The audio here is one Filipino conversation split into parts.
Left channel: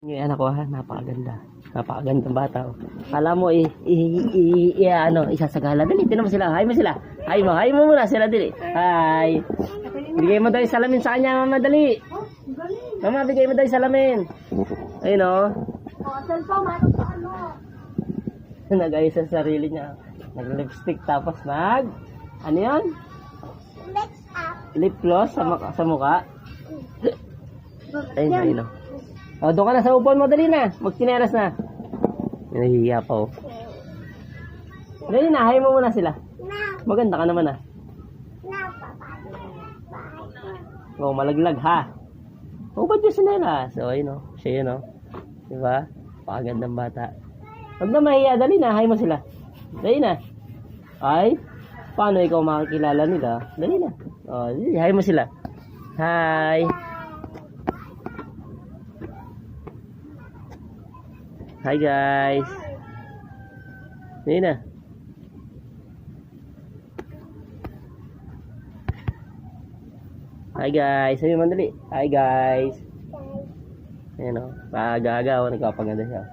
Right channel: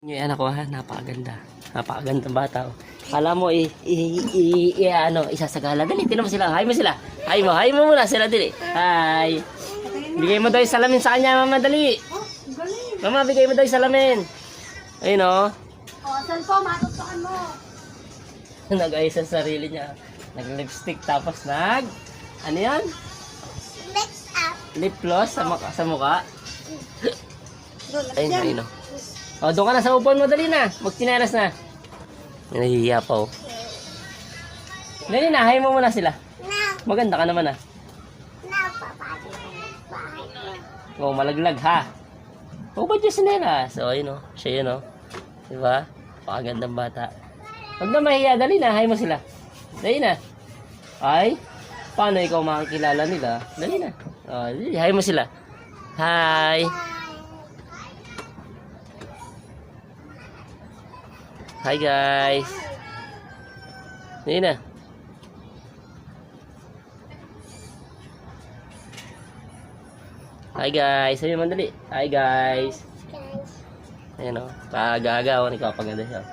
Yung anak ko ha, napakaganda. Napakaganda bata. Oh. Kala mo ano, isasagala. Dali, tinan mo sila. Hi mo sila. Hi mo muna sila dali. Hi. Bigay mo daw yung salamin sa kanya, mama, dali. Mama, bigay mo daw yung salamin. Ayun oh. Saan po, matutukan mo. Nag-ayos sa sarili niya. Nag-lipstick tapos ano yan? Lip gloss sa mukha. Ayun. Oh, doon ka na sa upuan mo, dali na. Magtineras na. May nahihiya pa, oh. Dali na, hay mo muna sila. Maganda ka naman, ah. Oh, malaglag, ha? Oh, ba't yung sinelas? Oh, yun, oh. Siya yun, oh. Diba? Pakagandang bata. Huwag na mahihiya, dali na, hay mo sila. Dali na. Ay, paano ikaw makakilala nila? Dali na. Oh, dali, hay mo sila. Hi. Hi guys. Dali na. Hi guys. Sabi mo dali. Hi guys. Ayan o. Kaagaga o. Nagpapaganda siya.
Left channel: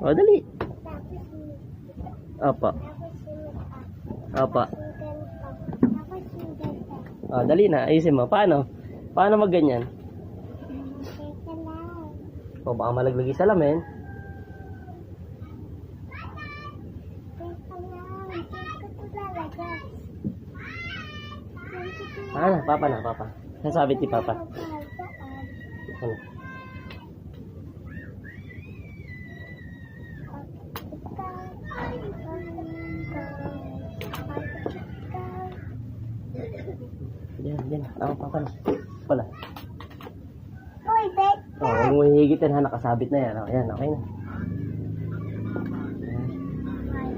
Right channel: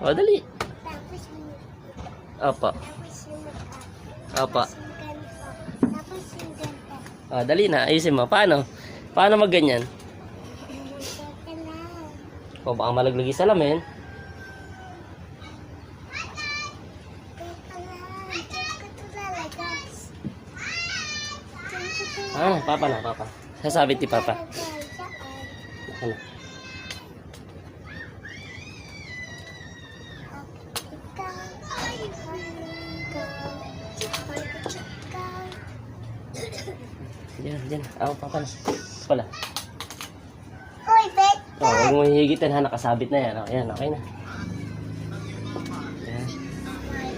O dali. Opo. Opo. O dali na. Ayusin mo. Paano? Paano magganyan? O baka malaglag yung salamin. Papa na, papa. Sasabit ni papa. Ano? Diyan. Papa na. Pala. Oh, huwag mo hihigitin ha, nakasabit na yan. Ayan, okay na.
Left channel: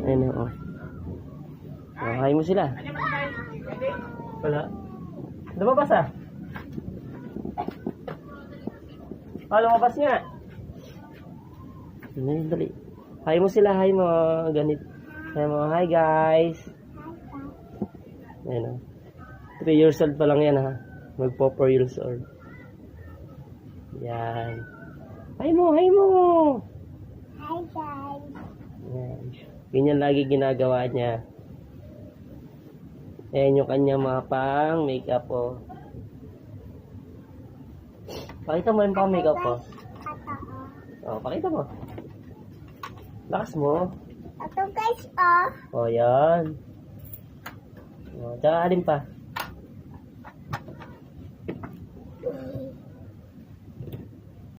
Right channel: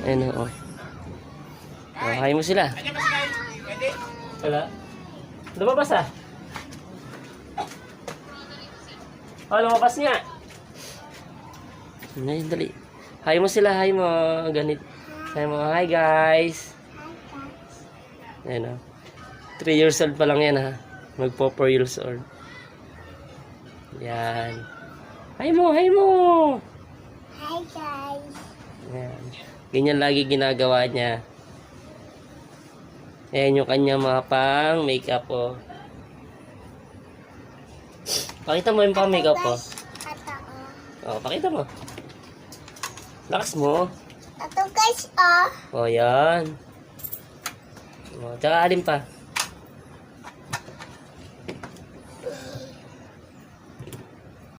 Ayan, oh. Hay mo sila. Wala. Lumabas ah. Oh, lumabas nga. Ayan, dali. Hay mo sila, hay mo. Ganit. Hay mo, hi guys. Ayan oh. 3 years old pa lang yan ha. Magpo 4 years old. Yan. Hi mo. Hi guys. Yan. Ganyan lagi ginagawa niya. Ayan yung kanya mga pang makeup po. Pakita mo yung pang makeup po. Oh, pakita mo. Lakas mo. Ito guys, Oh, yan. Oh, tsaka alin pa?